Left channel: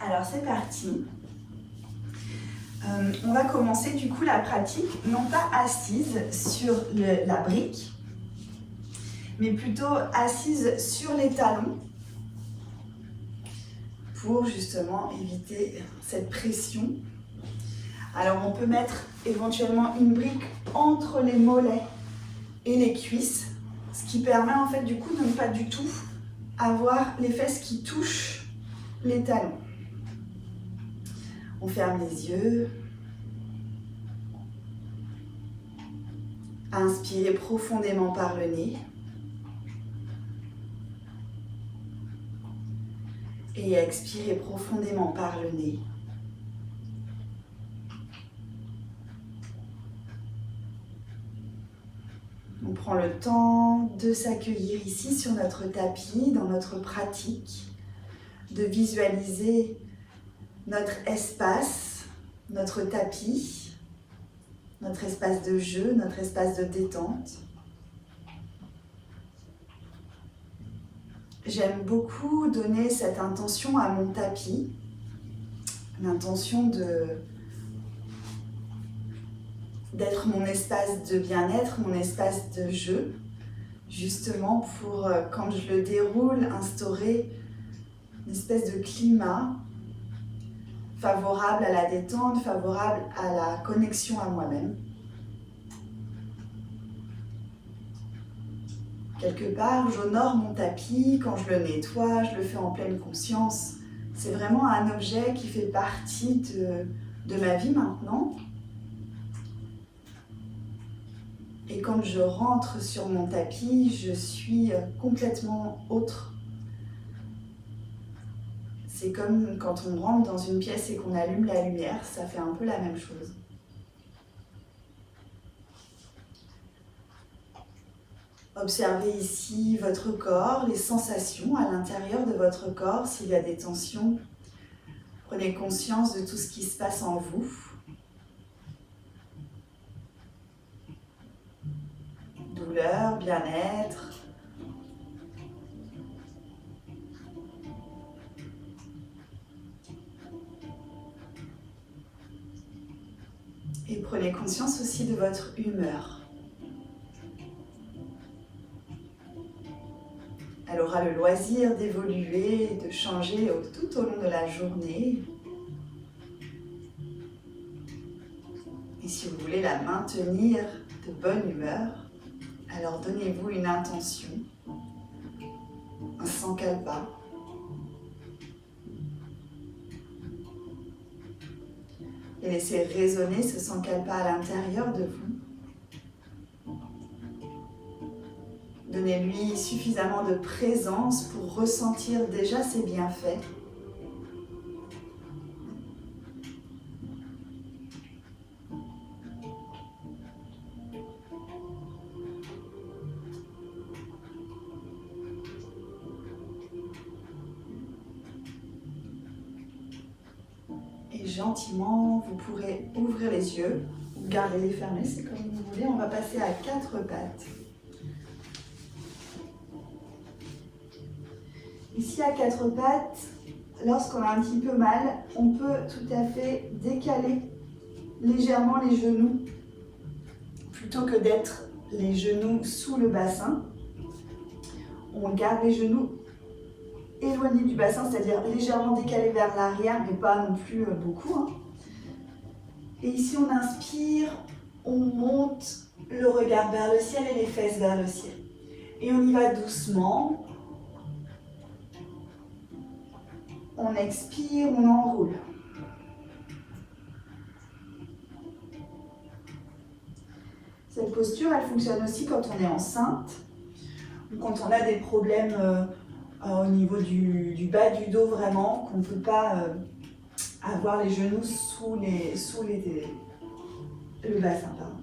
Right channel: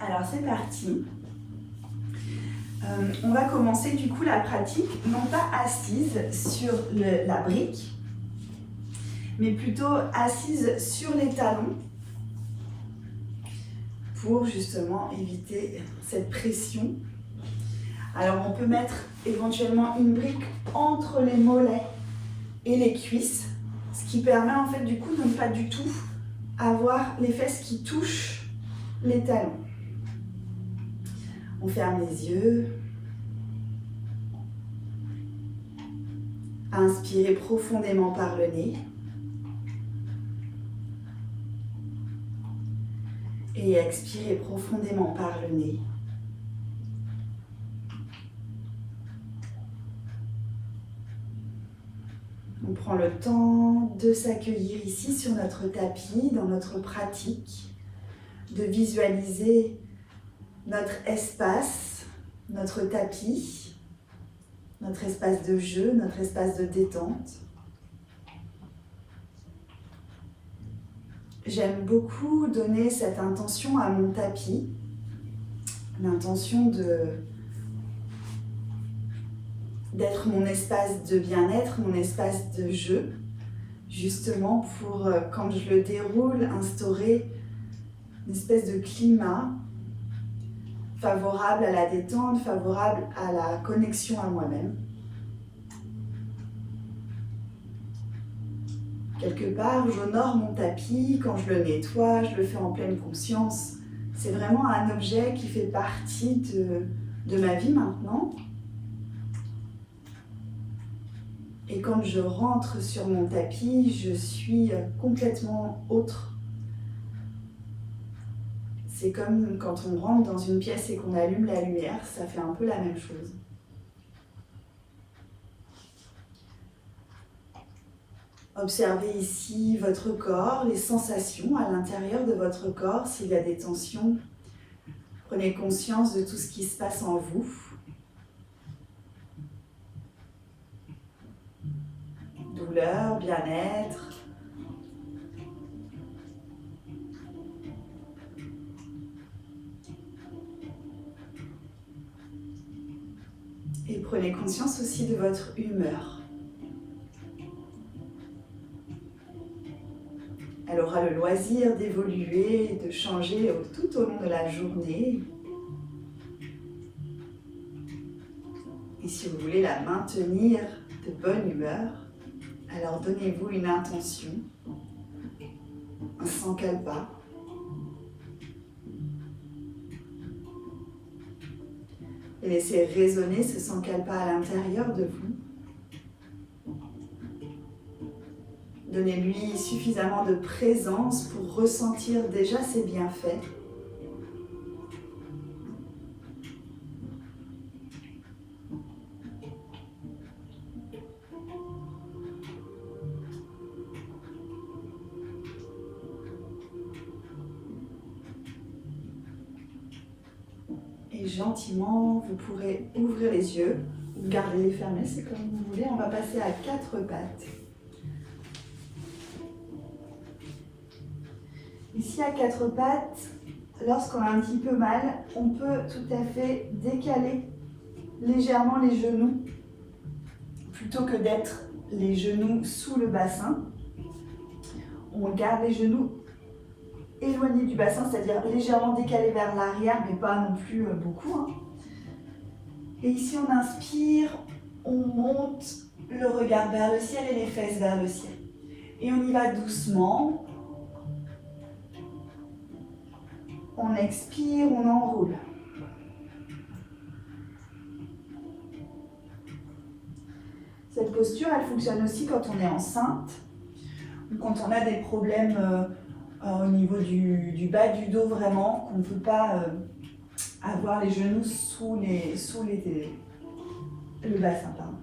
Alors c'est parti. On va commencer du coup la pratique, non pas assise sur la brique, mais plutôt assise sur les talons pour justement éviter cette pression. Alors on peut mettre éventuellement une brique entre les mollets et les cuisses, ce qui permet en fait du coup de ne pas du tout avoir les fesses qui touchent les talons. On ferme les yeux. Inspirez profondément par le nez. Et expirez profondément par le nez. On prend le temps de s'accueillir ici sur notre tapis, dans notre pratique, de visualiser notre espace, notre tapis, notre espace de jeu, notre espace de détente. J'aime beaucoup donner cette intention à mon tapis, l'intention d'être mon espace de bien-être, mon espace de jeu, justement pour, quand je le déroule, instaurer une espèce de climat favorable à la détente, favorable à la connexion à moi-même. Quelque part, j'honore mon tapis, quand je le nettoie, je le fais en pleine conscience. C'est vraiment un objet qui fait partie de ma vie maintenant. Et quand je rentre sur mon tapis, je suis complètement autre. C'est comme quand on rentre dans une pièce et qu'on allume la lumière, ça fait un peu la même chose. Observez ici votre corps, les sensations à l'intérieur de votre corps, s'il y a des tensions. Prenez conscience de tout ce qui se passe en vous. Douleur, bien-être. Et prenez conscience aussi de votre humeur. Elle aura le loisir d'évoluer, de changer tout au long de la journée. Et si vous voulez la maintenir de bonne humeur, alors donnez-vous une intention, un sankalpa. Et laissez résonner ce sankalpa à l'intérieur de vous. Donnez-lui suffisamment de présence pour ressentir déjà ses bienfaits. Et gentiment, vous pourrez ouvrir les yeux ou garder-les fermés, c'est comme vous voulez. On va passer à 4 pattes. Ici à 4 pattes, lorsqu'on a un petit peu mal, on peut tout à fait décaler légèrement les genoux plutôt que d'être les genoux sous le bassin. On garde les genoux éloignés du bassin, c'est-à-dire légèrement décalés vers l'arrière, mais pas non plus beaucoup. Et ici on inspire, on monte le regard vers le ciel et les fesses vers le ciel. Et on y va doucement. On expire, on enroule. Cette posture, elle fonctionne aussi quand on est enceinte ou quand on a des problèmes au niveau du bas du dos vraiment, qu'on ne peut pas avoir les genoux sous le bassin. Pardon.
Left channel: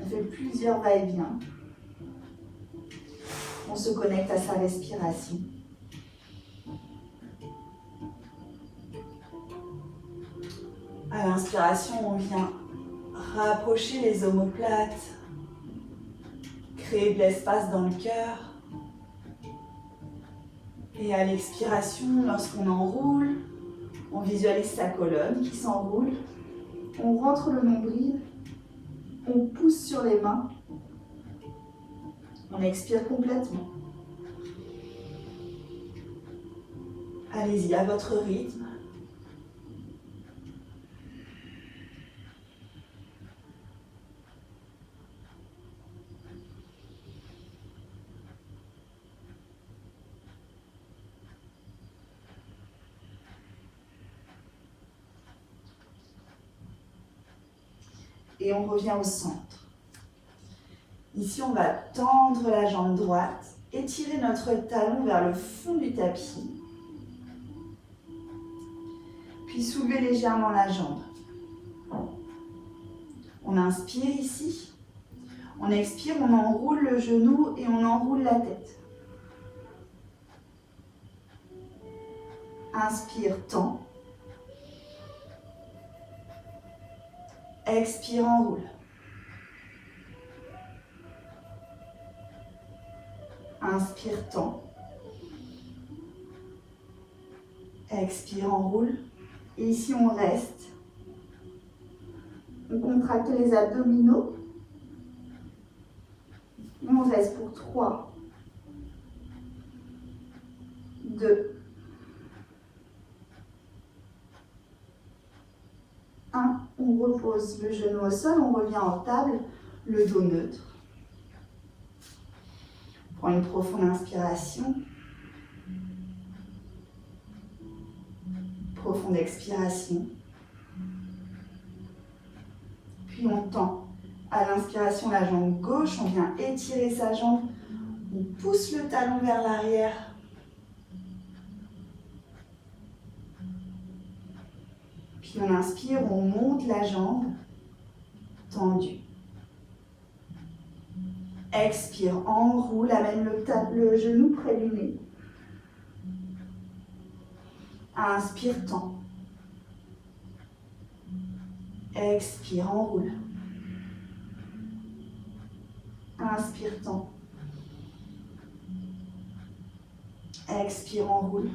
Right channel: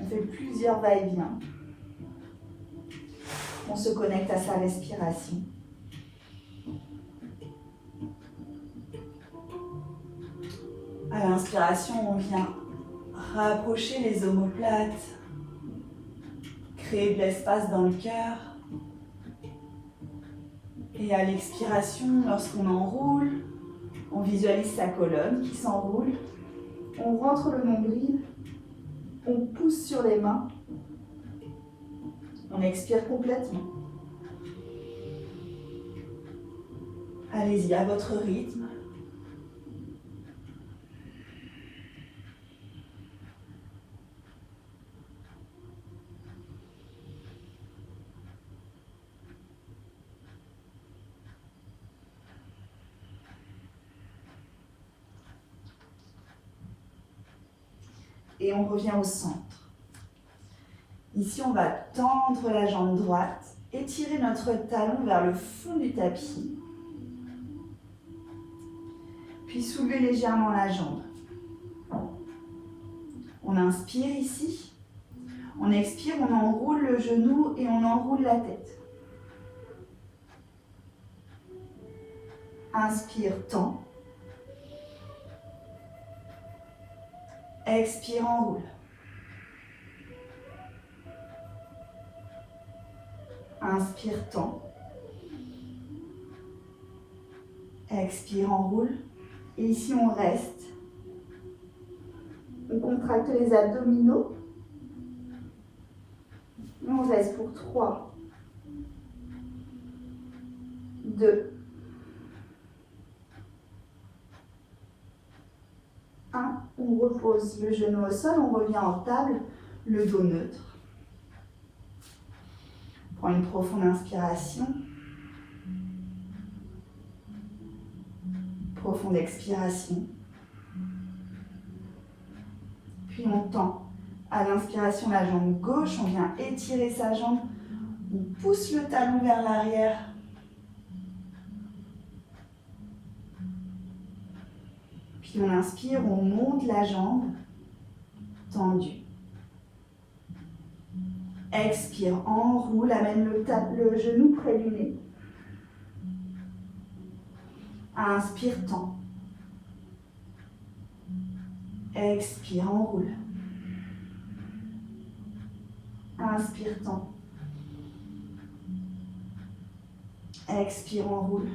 On fait plusieurs va-et-vient. On se connecte à sa respiration. À l'inspiration, on vient rapprocher les omoplates, créer de l'espace dans le cœur. Et à l'expiration, lorsqu'on enroule, On visualise sa colonne qui s'enroule. On rentre le nombril. On pousse sur les mains. On expire complètement. Allez-y à votre rythme. Et on revient au centre. Ici, on va tendre la jambe droite, étirer notre talon vers le fond du tapis, puis soulever légèrement la jambe. On inspire ici, on expire, on enroule le genou et on enroule la tête. Inspire, tend. Expire, enroule. Inspire, tend. Expire, enroule. Et ici, on reste. On contracte les abdominaux. Et on reste pour 3, 2, 1. On repose le genou au sol, on revient en table, le dos neutre. On prend une profonde inspiration. Profonde expiration. Puis on tend à l'inspiration la jambe gauche, on vient étirer sa jambe, on pousse le talon vers l'arrière. Puis on inspire, on monte la jambe tendue. Expire, enroule, amène le genou près du nez. Inspire, tend. Expire, enroule. Inspire, tend. Expire, enroule.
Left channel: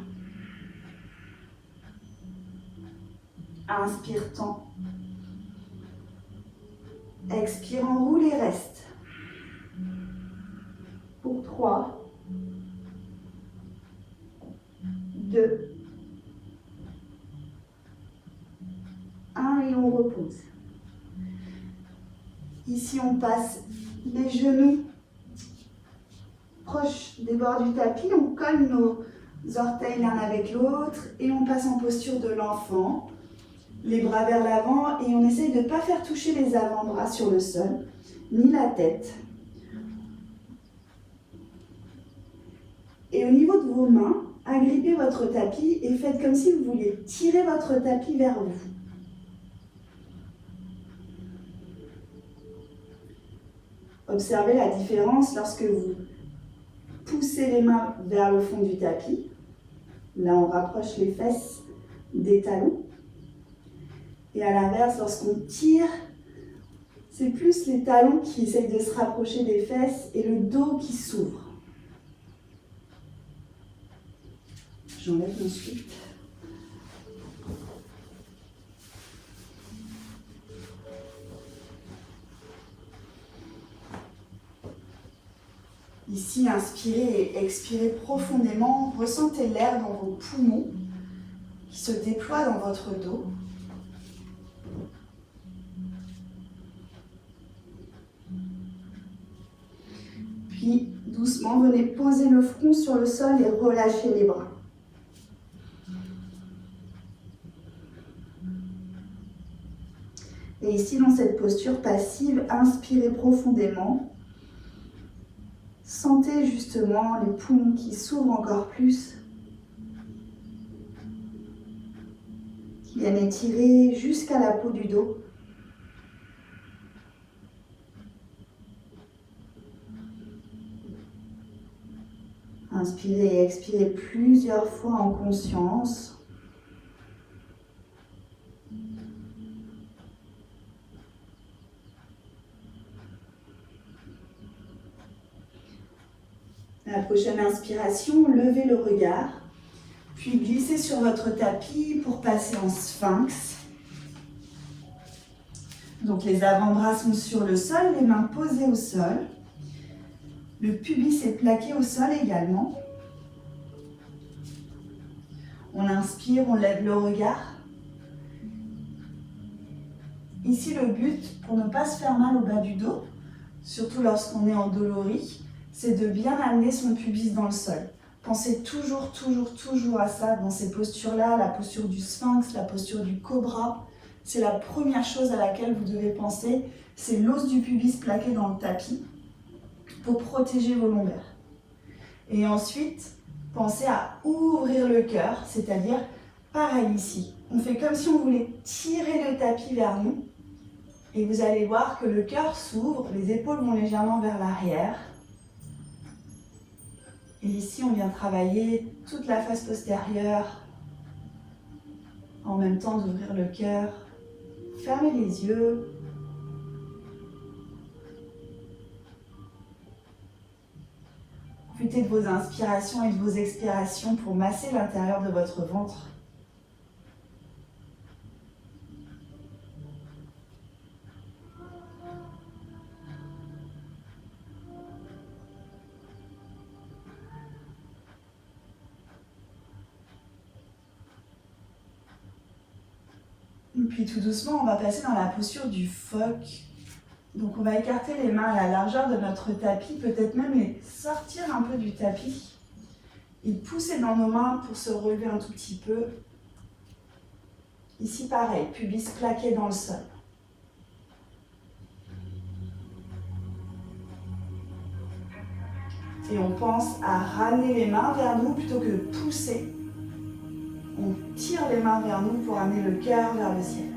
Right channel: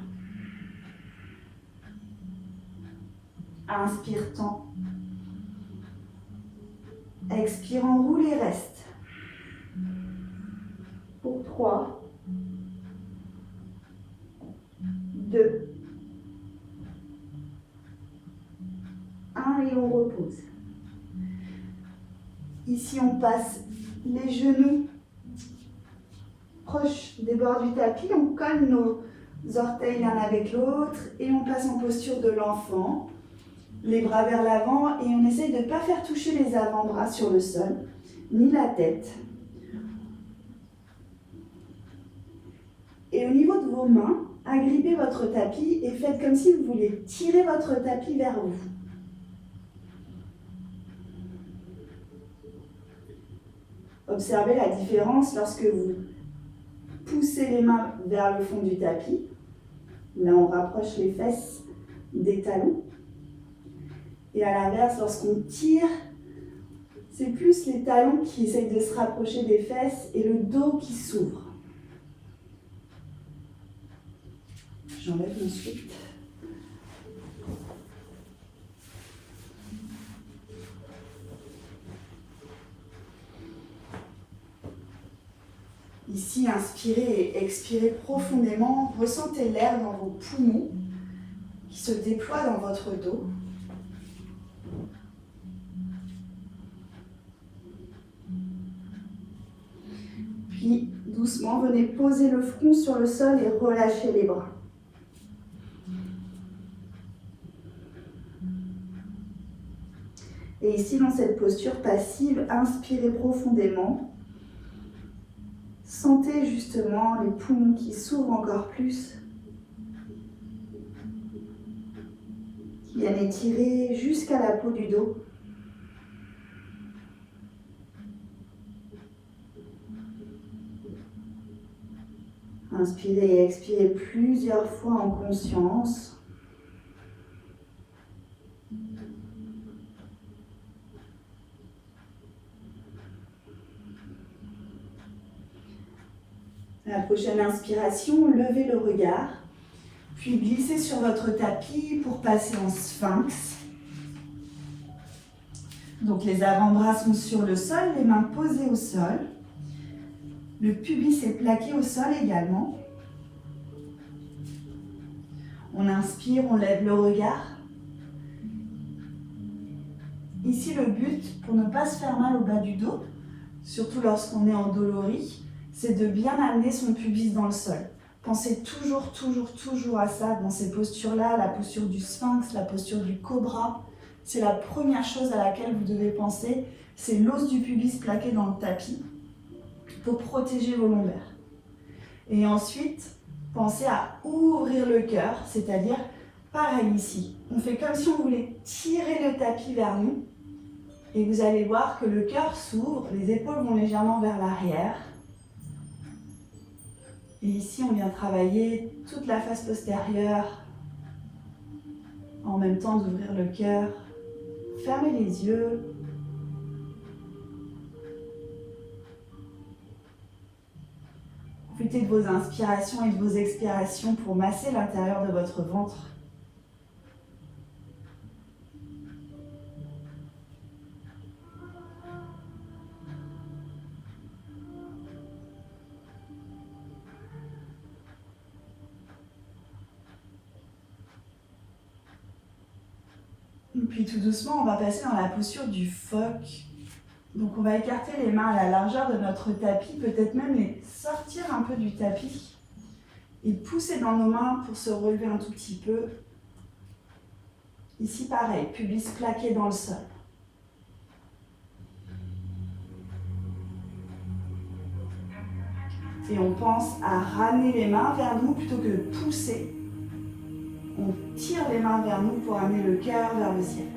Inspire, tend. Expire, enroule et reste. Pour 3, 2, 1 et on repose. Ici, on passe les genoux proches des bords du tapis. On colle nos orteils l'un avec l'autre et on passe en posture de l'enfant. Les bras vers l'avant et on essaye de ne pas faire toucher les avant-bras sur le sol, ni la tête. Et au niveau de vos mains, agrippez votre tapis et faites comme si vous vouliez tirer votre tapis vers vous. Observez la différence lorsque vous poussez les mains vers le fond du tapis. Là, on rapproche les fesses des talons. Et à l'inverse, lorsqu'on tire, c'est plus les talons qui essayent de se rapprocher des fesses et le dos qui s'ouvre. J'enlève ensuite. Ici, inspirez et expirez profondément. Ressentez l'air dans vos poumons qui se déploie dans votre dos. Puis, doucement, venez poser le front sur le sol et relâchez les bras. Et ici, dans cette posture passive, inspirez profondément. Sentez justement les poumons qui s'ouvrent encore plus, qui viennent étirer jusqu'à la peau du dos. Inspirez et expirez plusieurs fois en conscience. La prochaine inspiration, levez le regard, Puis glissez sur votre tapis pour passer en sphinx. Donc les avant-bras sont sur le sol, les mains posées au sol. Le pubis est plaqué au sol également. On inspire, on lève le regard. Ici, le but, pour ne pas se faire mal au bas du dos, surtout lorsqu'on est endolori, c'est de bien amener son pubis dans le sol. Pensez toujours, toujours, toujours à ça dans ces postures-là, la posture du sphinx, la posture du cobra. C'est la première chose à laquelle vous devez penser, c'est l'os du pubis plaqué dans le tapis pour protéger vos lombaires. Et ensuite, pensez à ouvrir le cœur, c'est-à-dire pareil ici. On fait comme si on voulait tirer le tapis vers nous. Et vous allez voir que le cœur s'ouvre, les épaules vont légèrement vers l'arrière. Et ici, on vient travailler toute la face postérieure en même temps d'ouvrir le cœur. Fermez les yeux. Profitez de vos inspirations et de vos expirations pour masser l'intérieur de votre ventre. Puis tout doucement, on va passer dans la posture du phoque. Donc on va écarter les mains à la largeur de notre tapis, peut-être même les sortir un peu du tapis et pousser dans nos mains pour se relever un tout petit peu. Ici pareil, pubis plaqué dans le sol. Et on pense à ramener les mains vers nous plutôt que de pousser. On tire les mains vers nous pour amener le cœur vers le ciel.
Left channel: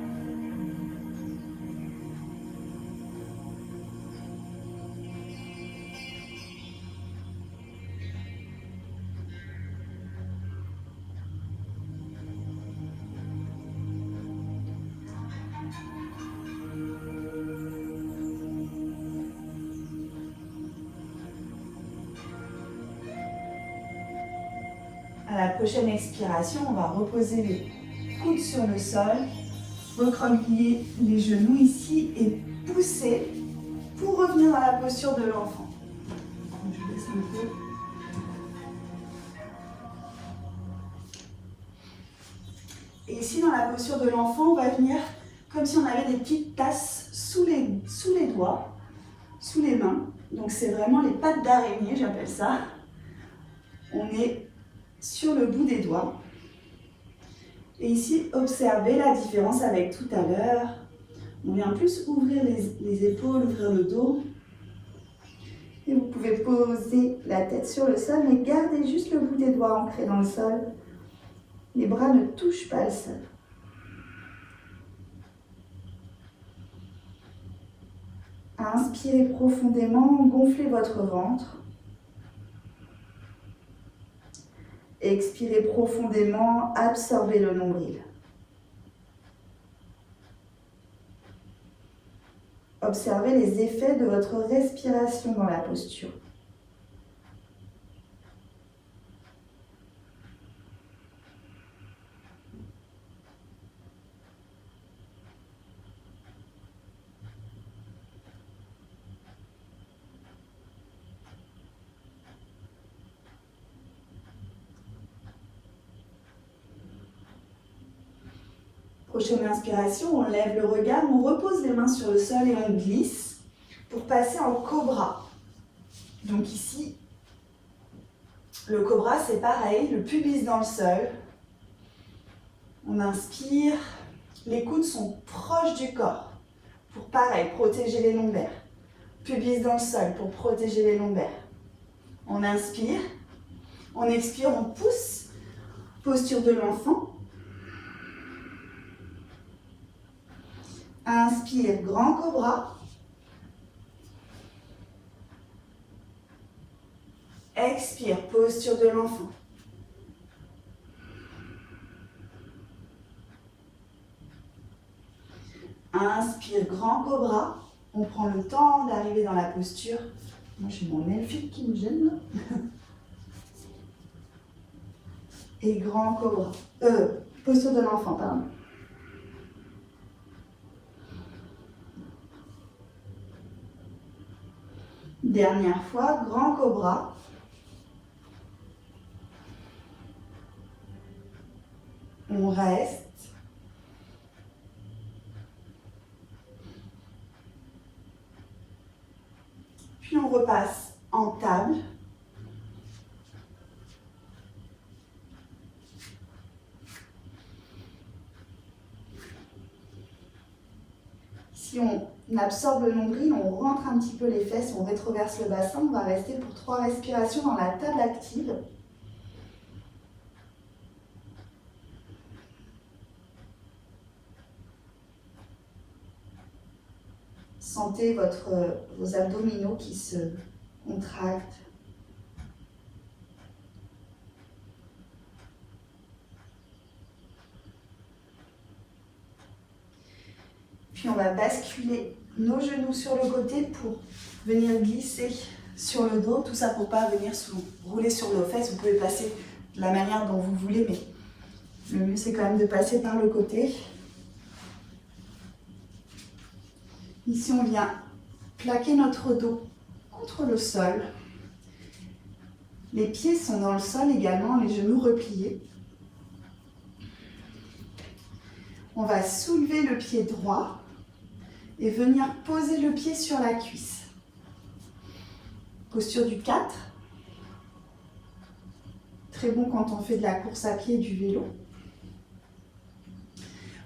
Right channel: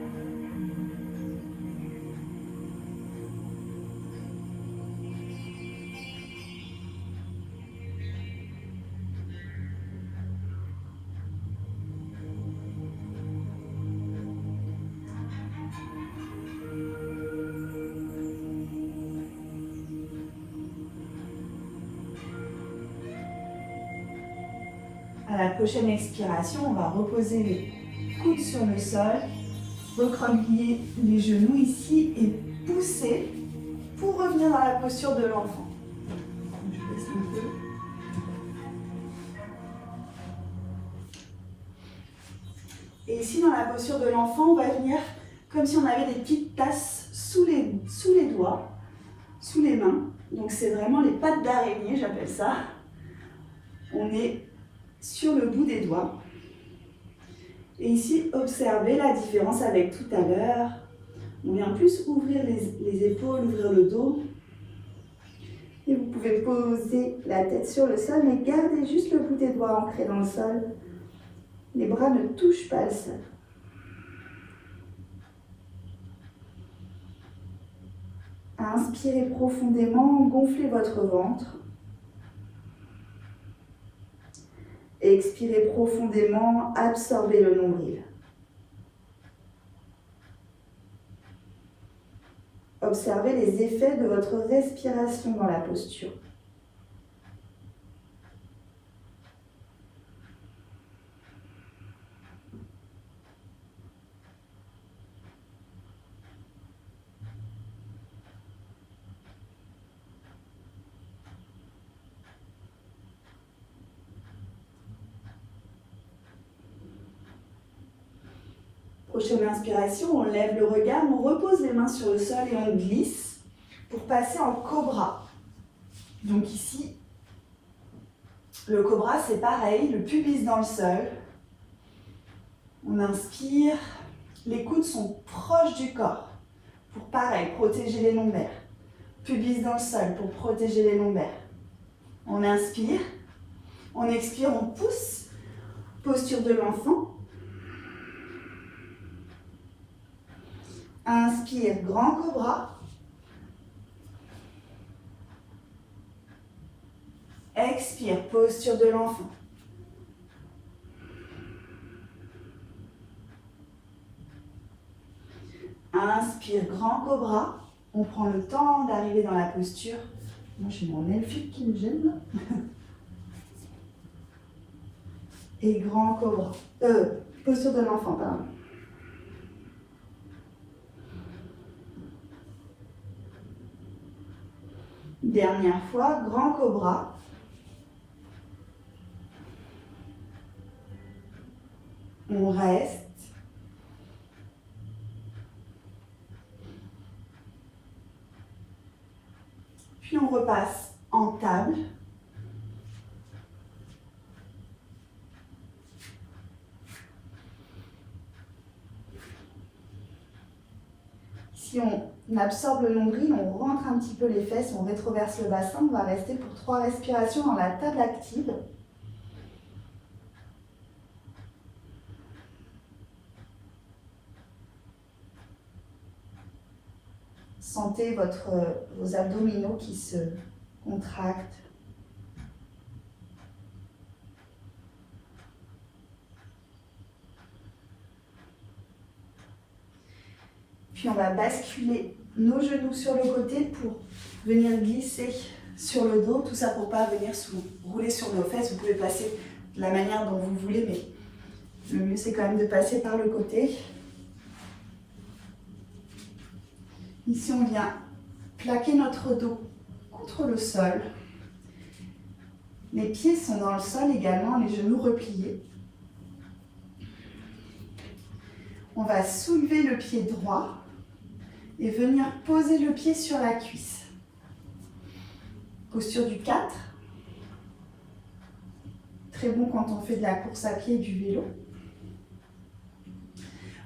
À la prochaine expiration, on va reposer les coudes sur le sol, recroqueviller les genoux ici et pousser pour revenir dans la posture de l'enfant. Je baisse un peu. Et ici, dans la posture de l'enfant, on va venir comme si on avait des petites tasses sous les doigts, sous les mains. Donc c'est vraiment les pattes d'araignée, j'appelle ça. On est sur le bout des doigts. Et ici, observez la différence avec tout à l'heure. On vient plus ouvrir les épaules, ouvrir le dos. Et vous pouvez poser la tête sur le sol, mais gardez juste le bout des doigts ancré dans le sol. Les bras ne touchent pas le sol. Inspirez profondément, gonflez votre ventre. Expirez profondément, absorbez le nombril. Observez les effets de votre respiration dans la posture. Prochaine inspiration, on lève le regard, on repose les mains sur le sol et on glisse pour passer en cobra. Donc ici, le cobra c'est pareil, le pubis dans le sol. On inspire, les coudes sont proches du corps pour pareil, protéger les lombaires. Pubis dans le sol pour protéger les lombaires. On inspire, on expire, on pousse, posture de l'enfant. Inspire, grand cobra. Expire, posture de l'enfant. Inspire, grand cobra. On prend le temps d'arriver dans la posture. Moi, j'ai mon elfique qui me gêne. Et grand cobra. Posture de l'enfant, pardon. Dernière fois, grand cobra. On reste. Puis on repasse en table. Si on absorbe le nombril, on rentre un petit peu les fesses, on rétroverse le bassin. On va rester pour 3 respirations dans la table active. Sentez vos abdominaux qui se contractent. Puis on va basculer nos genoux sur le côté pour venir glisser sur le dos. Tout ça pour ne pas venir rouler sur nos fesses. Vous pouvez passer de la manière dont vous voulez, mais le mieux c'est quand même de passer par le côté. Ici, on vient plaquer notre dos contre le sol. Les pieds sont dans le sol également, les genoux repliés. On va soulever le pied droit et venir poser le pied sur la cuisse. Posture du 4. Très bon quand on fait de la course à pied et du vélo.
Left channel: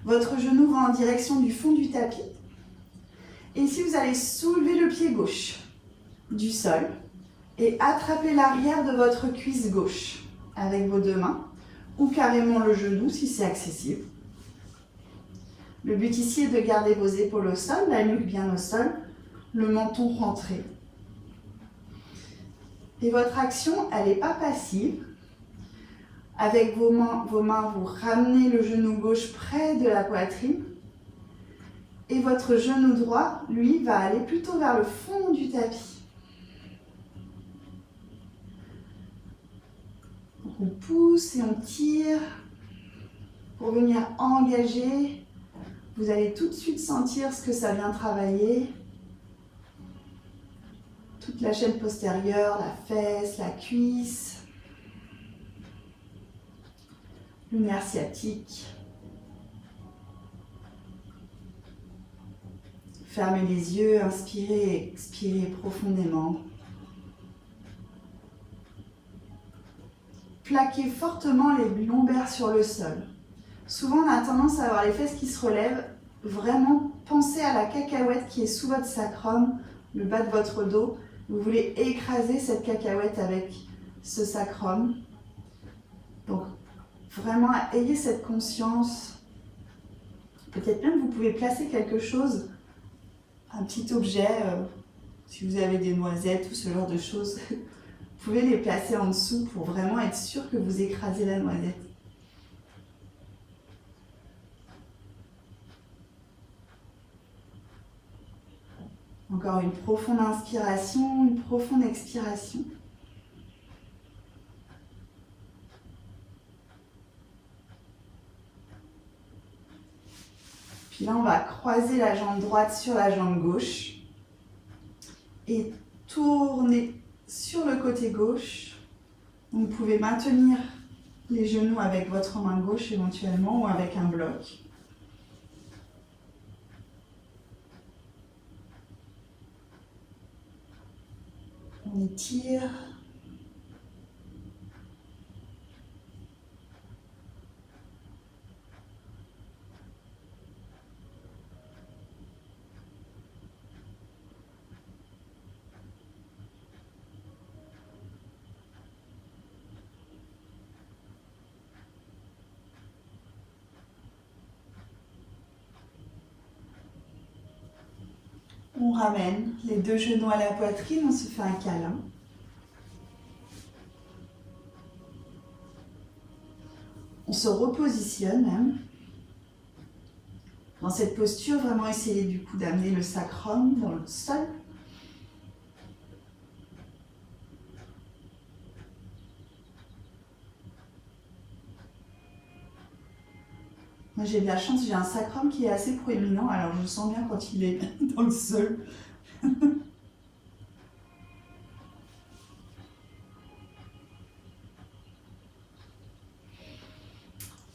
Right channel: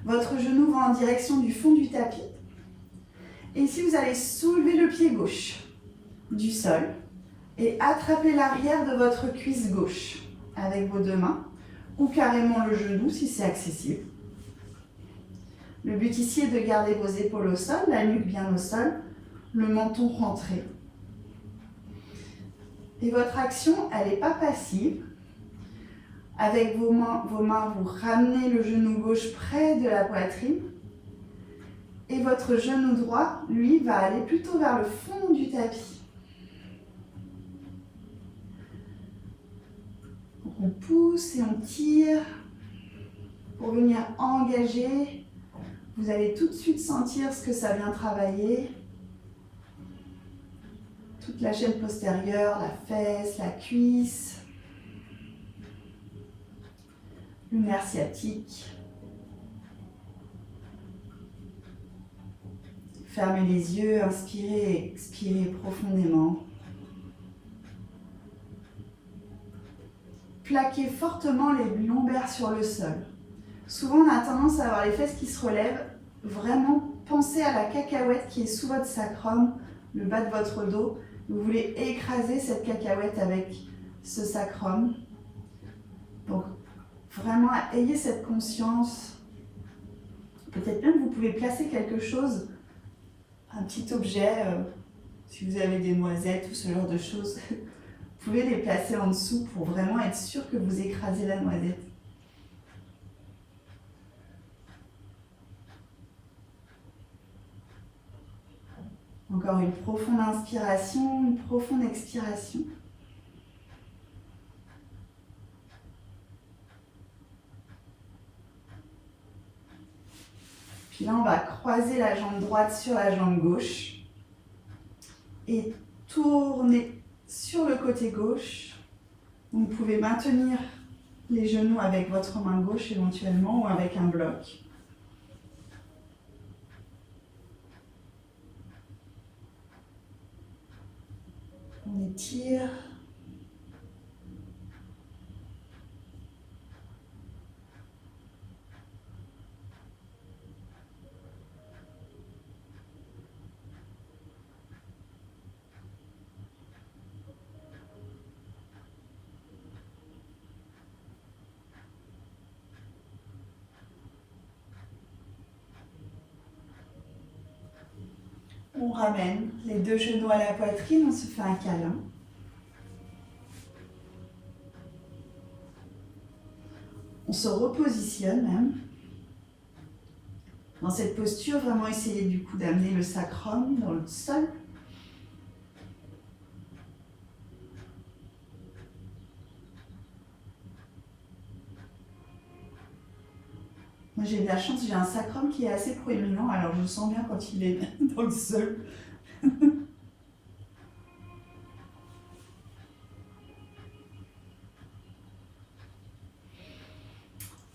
Votre genou va en direction du fond du tapis. Et ici, vous allez soulever le pied gauche du sol et attraper l'arrière de votre cuisse gauche avec vos 2 mains ou carrément le genou si c'est accessible. Le but ici est de garder vos épaules au sol, la nuque bien au sol, le menton rentré. Et votre action, elle n'est pas passive. Avec vos mains, vous ramenez le genou gauche près de la poitrine. Et votre genou droit, lui, va aller plutôt vers le fond du tapis. Donc on pousse et on tire pour venir engager. Vous allez tout de suite sentir ce que ça vient travailler. Toute la chaîne postérieure, la fesse, la cuisse, le nerf sciatique. Fermez les yeux, inspirez et expirez profondément. Plaquez fortement les lombaires sur le sol. Souvent, on a tendance à avoir les fesses qui se relèvent. Vraiment, pensez à la cacahuète qui est sous votre sacrum, le bas de votre dos. Vous voulez écraser cette cacahuète avec ce sacrum. Donc, vraiment, ayez cette conscience. Peut-être même vous pouvez placer quelque chose, un petit objet, si vous avez des noisettes ou ce genre de choses, vous pouvez les placer en dessous pour vraiment être sûr que vous écrasez la noisette. Encore une profonde inspiration, une profonde expiration. Puis là, on va croiser la jambe droite sur la jambe gauche et tourner sur le côté gauche. Vous pouvez maintenir les genoux avec votre main gauche éventuellement ou avec un bloc. On étire. On ramène les 2 genoux à la poitrine, on se fait un câlin. On se repositionne même. Dans cette posture, vraiment essayez du coup d'amener le sacrum dans le sol. Moi j'ai de la chance, j'ai un sacrum qui est assez proéminent, alors je sens bien quand il est dans le sol.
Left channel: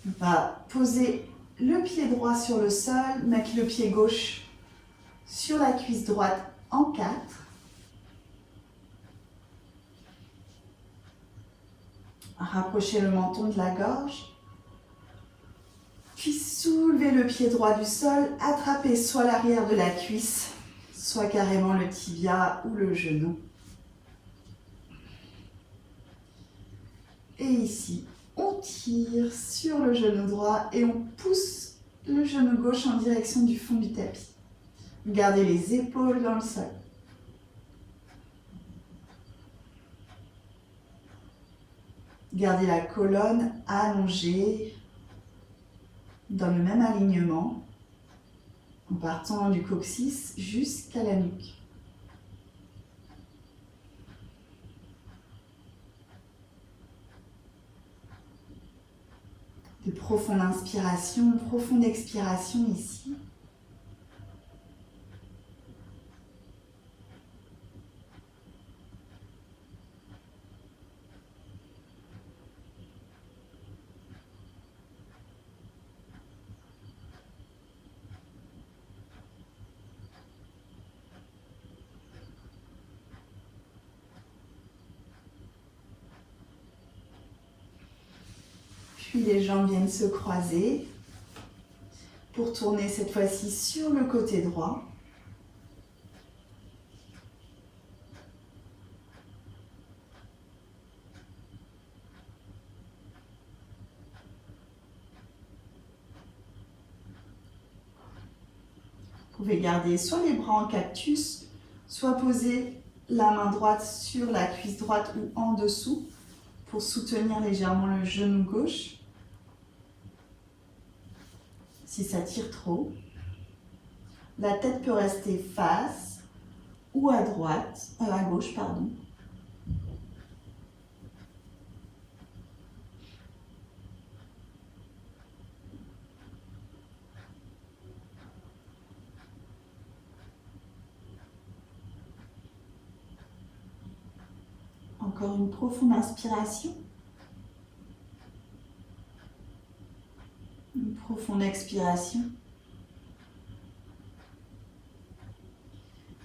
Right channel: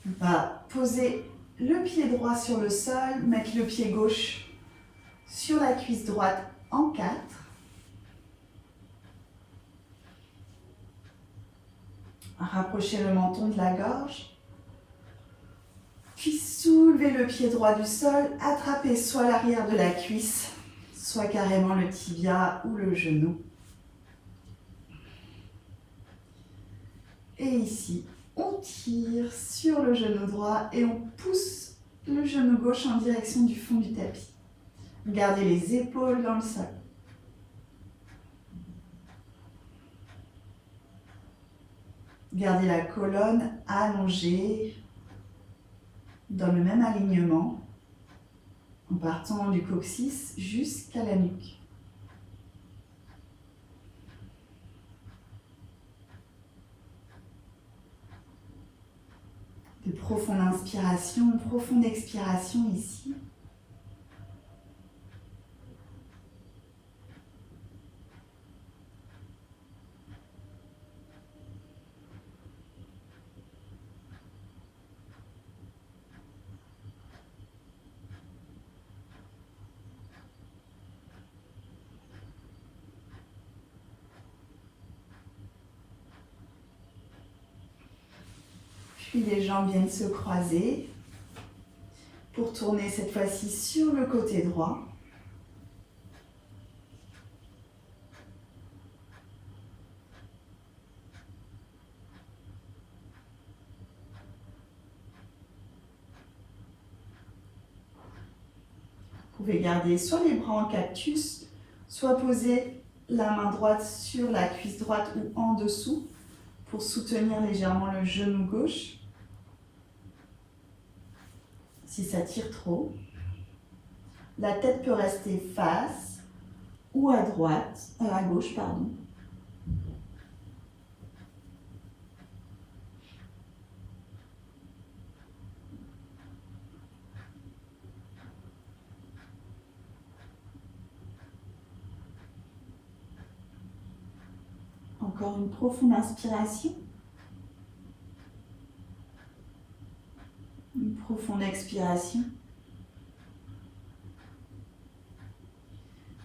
On va poser le pied droit sur le sol, mettre le pied gauche sur la cuisse droite en 4. Rapprochez le menton de la gorge. Puis soulevez le pied droit du sol, attrapez soit l'arrière de la cuisse, soit carrément le tibia ou le genou. Et ici, on tire sur le genou droit et on pousse le genou gauche en direction du fond du tapis. Gardez les épaules dans le sol. Gardez la colonne allongée dans le même alignement en partant du coccyx jusqu'à la nuque. De profonde inspiration, profonde expiration ici. Puis les jambes viennent se croiser pour tourner cette fois-ci sur le côté droit. Vous pouvez garder soit les bras en cactus, soit poser la main droite sur la cuisse droite ou en dessous pour soutenir légèrement le genou gauche. Si ça tire trop, la tête peut rester face ou à droite, à gauche, pardon. Encore une profonde inspiration. Une profonde expiration.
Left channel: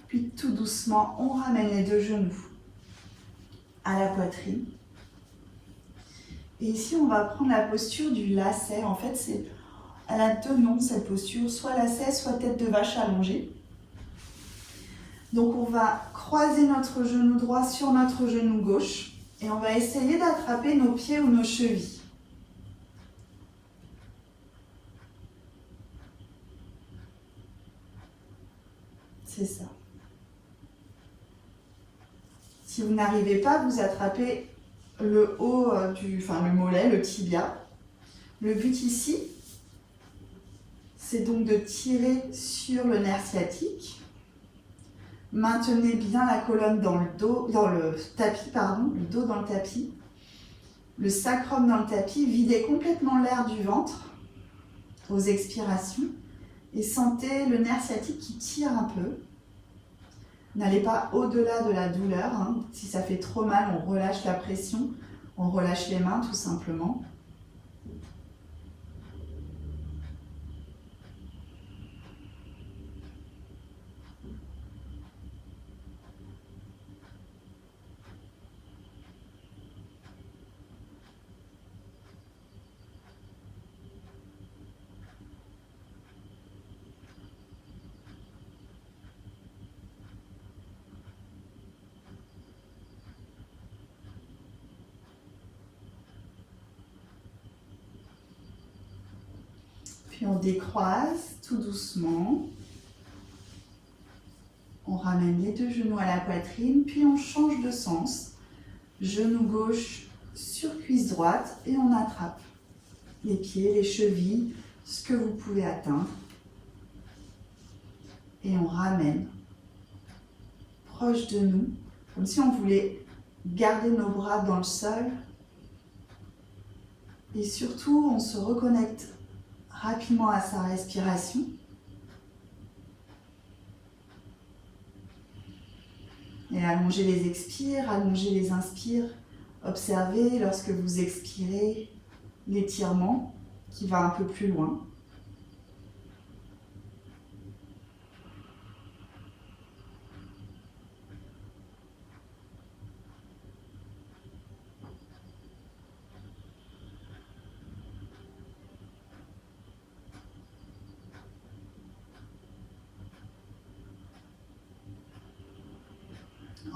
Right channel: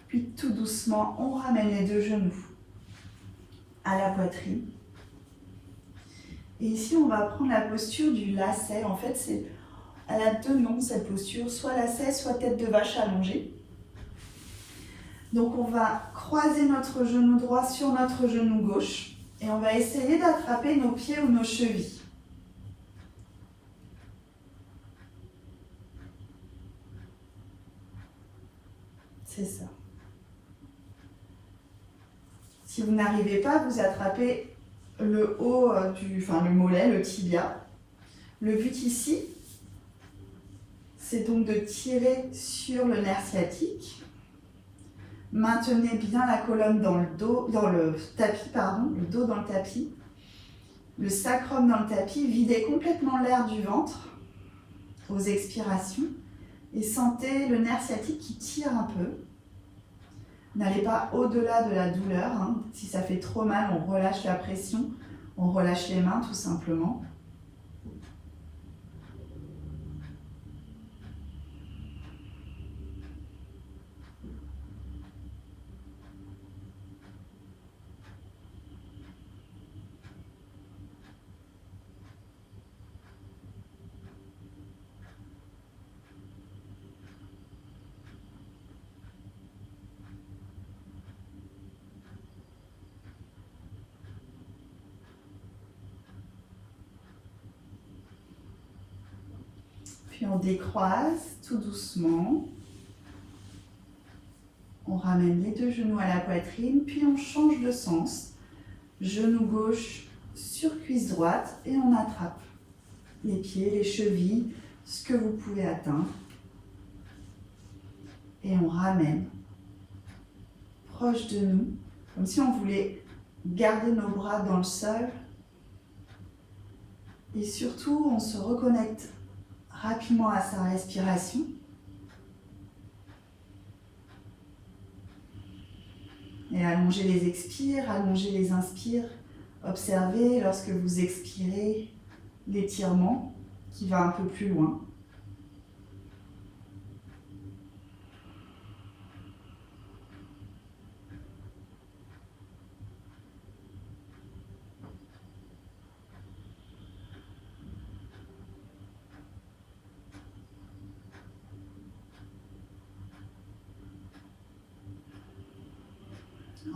Puis tout doucement, on ramène les deux genoux à la poitrine. Et ici, on va prendre la posture du lacet. En fait, elle a deux noms, cette posture, soit lacet, soit tête de vache allongée. Donc, on va croiser notre genou droit sur notre genou gauche et on va essayer d'attraper nos pieds ou nos chevilles. C'est ça. Si vous n'arrivez pas, vous attrapez le haut le mollet, le tibia. Le but ici, c'est donc de tirer sur le nerf sciatique. Maintenez bien la colonne dans le dos, dans le tapis, le dos dans le tapis. Le sacrum dans le tapis, videz complètement l'air du ventre aux expirations et sentez le nerf sciatique qui tire un peu. N'allez pas au-delà de la douleur. Si ça fait trop mal, on relâche la pression, on relâche les mains tout simplement. Puis on décroise tout doucement. On ramène les deux genoux à la poitrine, puis on change de sens. Genou gauche sur cuisse droite et on attrape les pieds, les chevilles, ce que vous pouvez atteindre. Et on ramène proche de nous, comme si on voulait garder nos bras dans le sol. Et surtout, on se reconnecte rapidement à sa respiration. Et allongez les expires, allongez les inspires. Observez lorsque vous expirez l'étirement qui va un peu plus loin.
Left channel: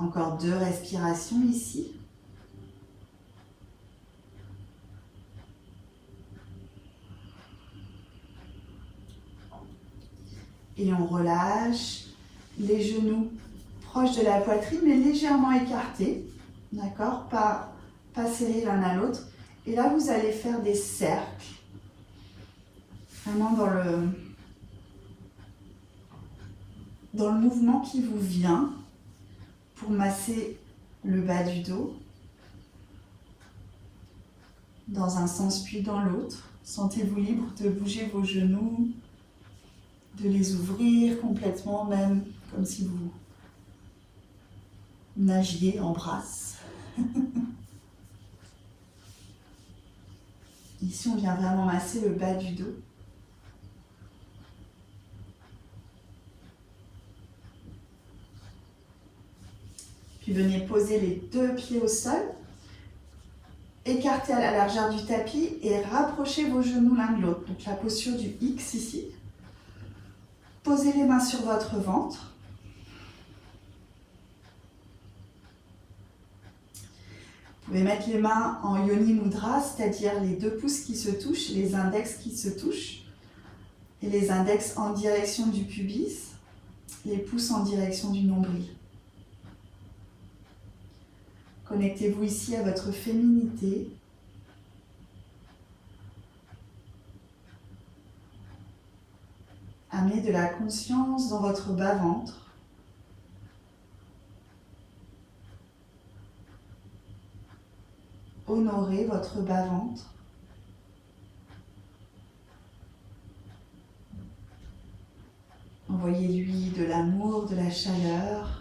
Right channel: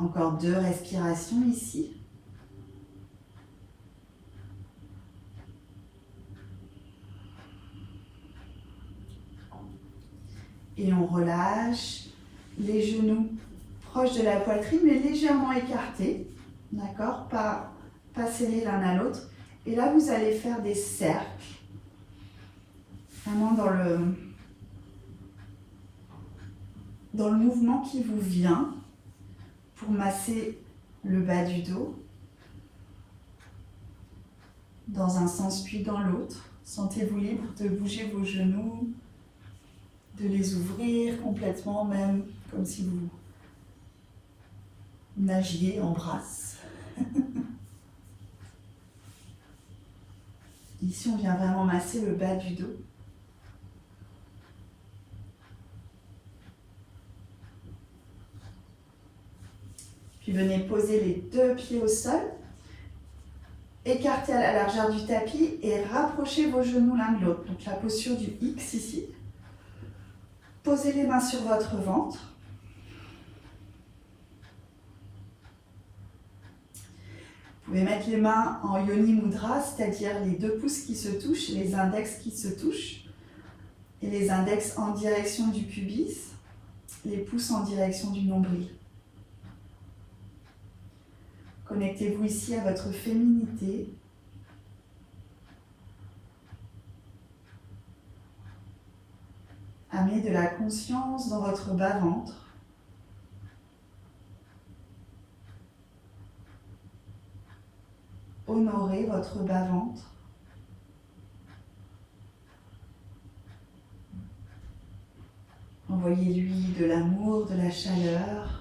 Encore 2 respirations ici. Et on relâche les genoux proches de la poitrine, mais légèrement écartés. D'accord? Pas scellés l'un à l'autre. Et là, vous allez faire des cercles. Vraiment dans le mouvement qui vous vient pour masser le bas du dos. Dans un sens puis dans l'autre. Sentez-vous libre de bouger vos genoux, de les ouvrir complètement, même comme si vous nagiez en brasse. Ici, on vient vraiment masser le bas du dos. Puis venez poser les 2 pieds au sol. Écartez à la largeur du tapis et rapprochez vos genoux l'un de l'autre. Donc la posture du X ici. Posez les mains sur votre ventre. Vous pouvez mettre les mains en Yoni Mudra, c'est-à-dire les 2 pouces qui se touchent, les index qui se touchent, et les index en direction du pubis, les pouces en direction du nombril. Connectez-vous ici à votre féminité. Amenez de la conscience dans votre bas-ventre. Honorez votre bas-ventre. Envoyez-lui de l'amour, de la chaleur.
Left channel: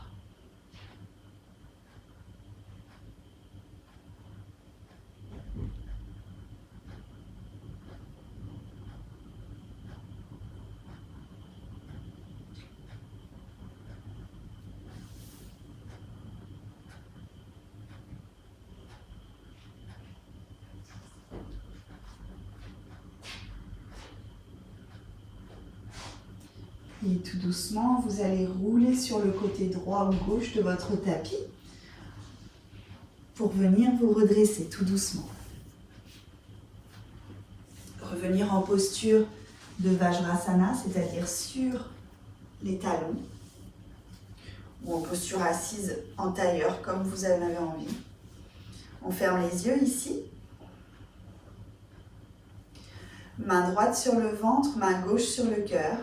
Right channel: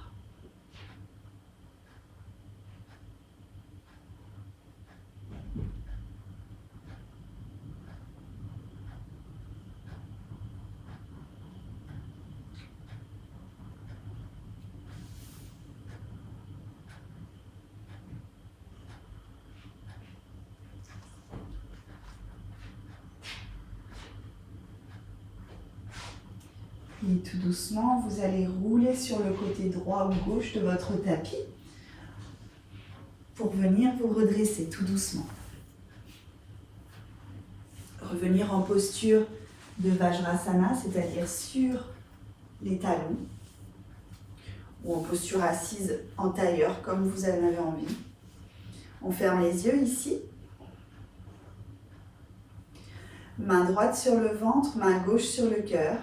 Et tout doucement, vous allez rouler sur le côté droit ou gauche de votre tapis pour venir vous redresser tout doucement. Revenir en posture de Vajrasana, c'est-à-dire sur les talons, ou en posture assise en tailleur, comme vous en avez envie. On ferme les yeux ici. Main droite sur le ventre, main gauche sur le cœur.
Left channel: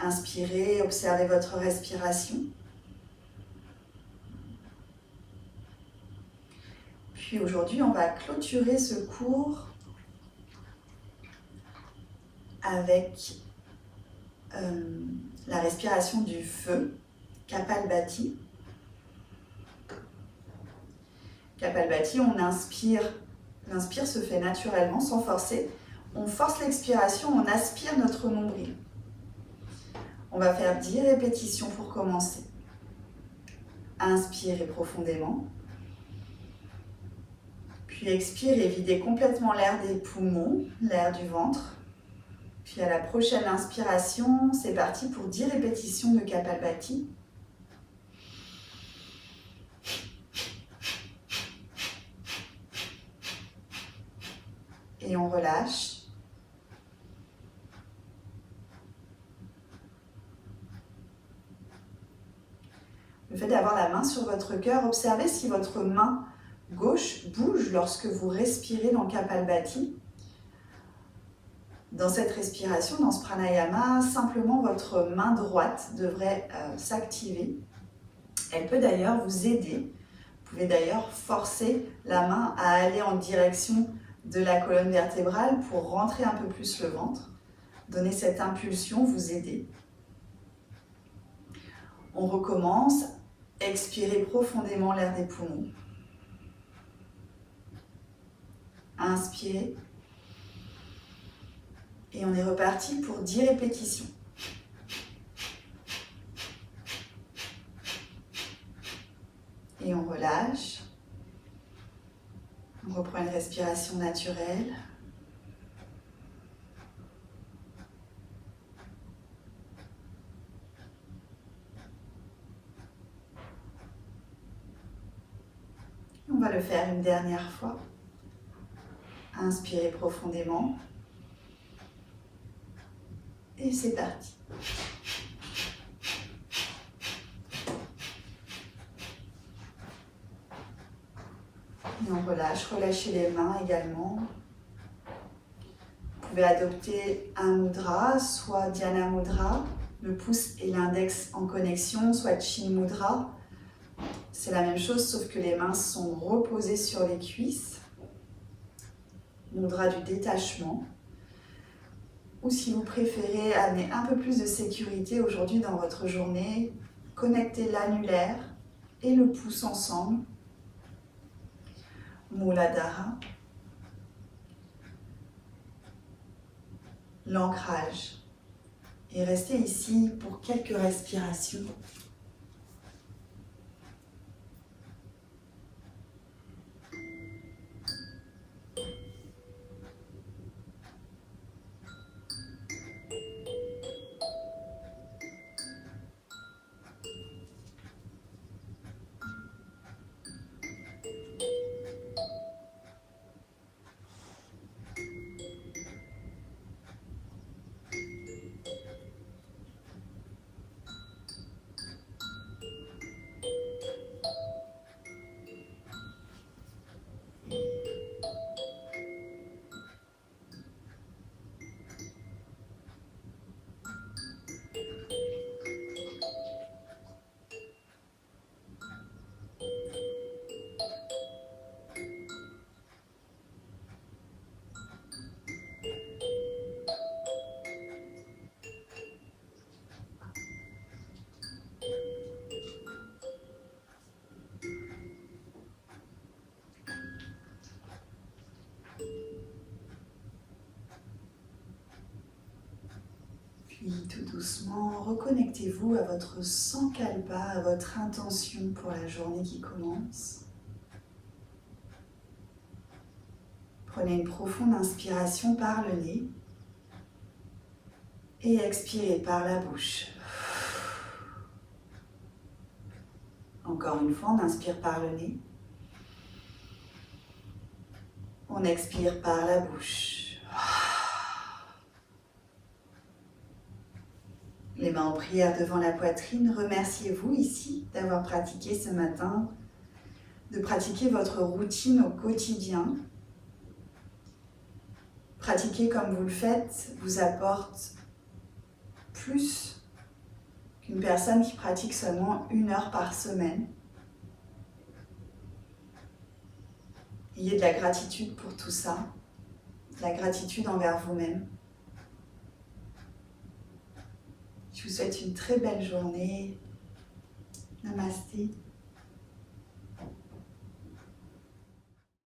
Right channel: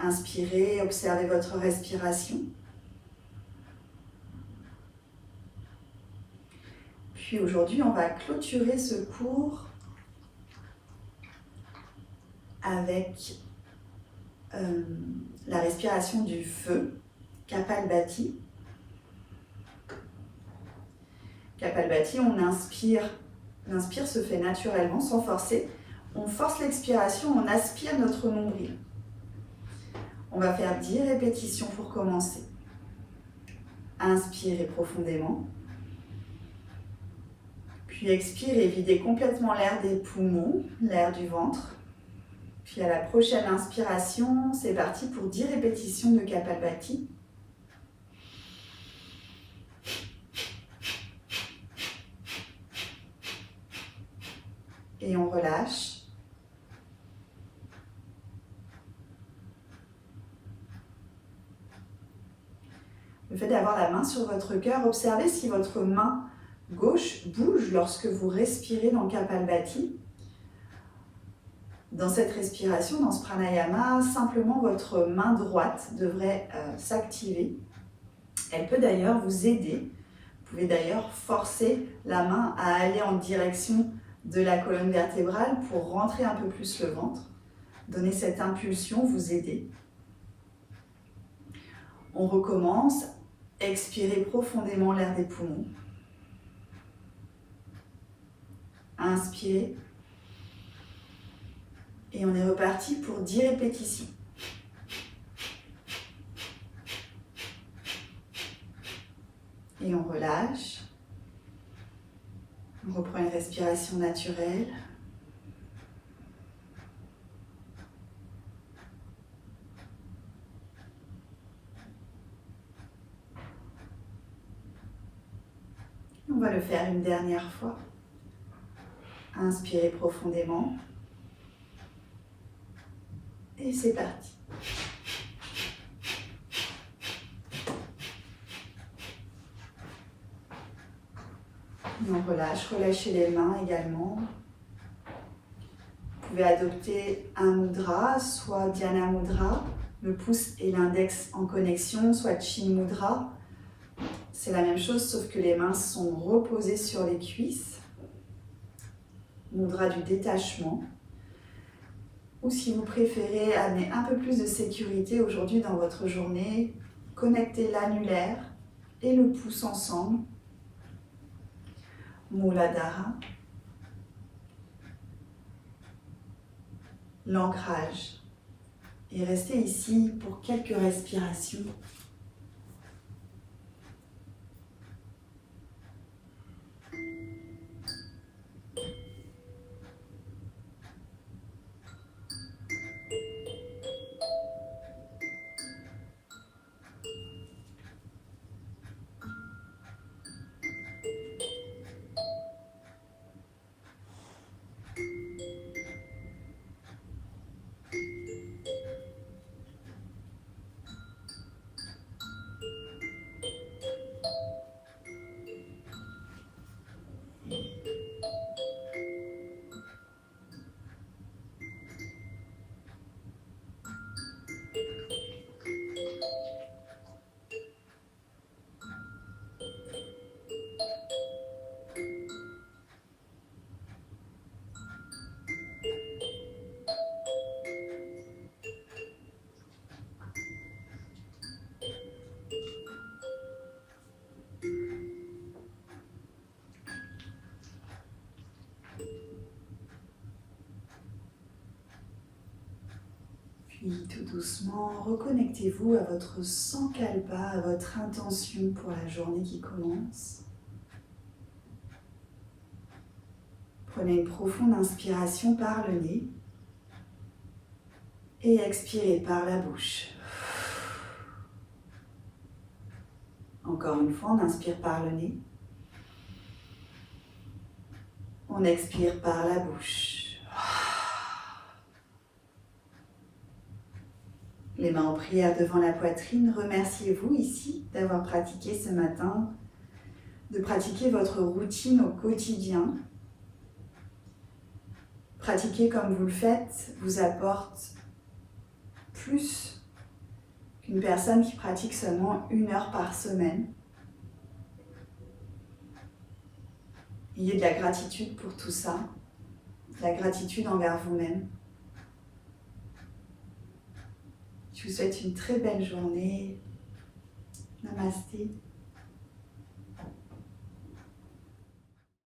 Inspirez, observez votre respiration. Puis aujourd'hui, on va clôturer ce cours avec la respiration du feu, Kapalbhati. Kapalbhati, on inspire, l'inspire se fait naturellement, sans forcer. On force l'expiration, on aspire notre nombril. On va faire 10 répétitions pour commencer. Inspirez profondément. Puis expirez, videz complètement l'air des poumons, l'air du ventre. Puis à la prochaine inspiration, c'est parti pour 10 répétitions de Kapalbhati. Et on relâche. Le fait d'avoir la main sur votre cœur, observez si votre main gauche bouge lorsque vous respirez dans Kapalbhati. Dans cette respiration, dans ce pranayama, simplement votre main droite devrait s'activer. Elle peut d'ailleurs vous aider. Vous pouvez d'ailleurs forcer la main à aller en direction de la colonne vertébrale pour rentrer un peu plus le ventre, donner cette impulsion, vous aider. On recommence, expirez profondément l'air des poumons. Inspirez. Et on est reparti pour 10 répétitions. Et on relâche. On reprend une respiration naturelle. On va le faire une dernière fois. Inspirez profondément. Et c'est parti. Et on relâche, relâchez les mains également. Vous pouvez adopter un mudra, soit Dhyana Mudra, le pouce et l'index en connexion, soit Chin Mudra. C'est la même chose, sauf que les mains sont reposées sur les cuisses. Mudra du détachement. Ou si vous préférez amener un peu plus de sécurité aujourd'hui dans votre journée, connectez l'annulaire et le pouce ensemble. Muladhara. L'ancrage. Et restez ici pour quelques respirations. Puis tout doucement, reconnectez-vous à votre sankalpa, à votre intention pour la journée qui commence. Prenez une profonde inspiration par le nez et expirez par la bouche. Encore une fois, on inspire par le nez. On expire par la bouche. Les mains en prière devant la poitrine, remerciez-vous ici d'avoir pratiqué ce matin, de pratiquer votre routine au quotidien. Pratiquer comme vous le faites vous apporte plus qu'une personne qui pratique seulement 1 heure par semaine. Ayez de la gratitude pour tout ça, de la gratitude envers vous-même. Je vous souhaite une très belle journée. Namasté.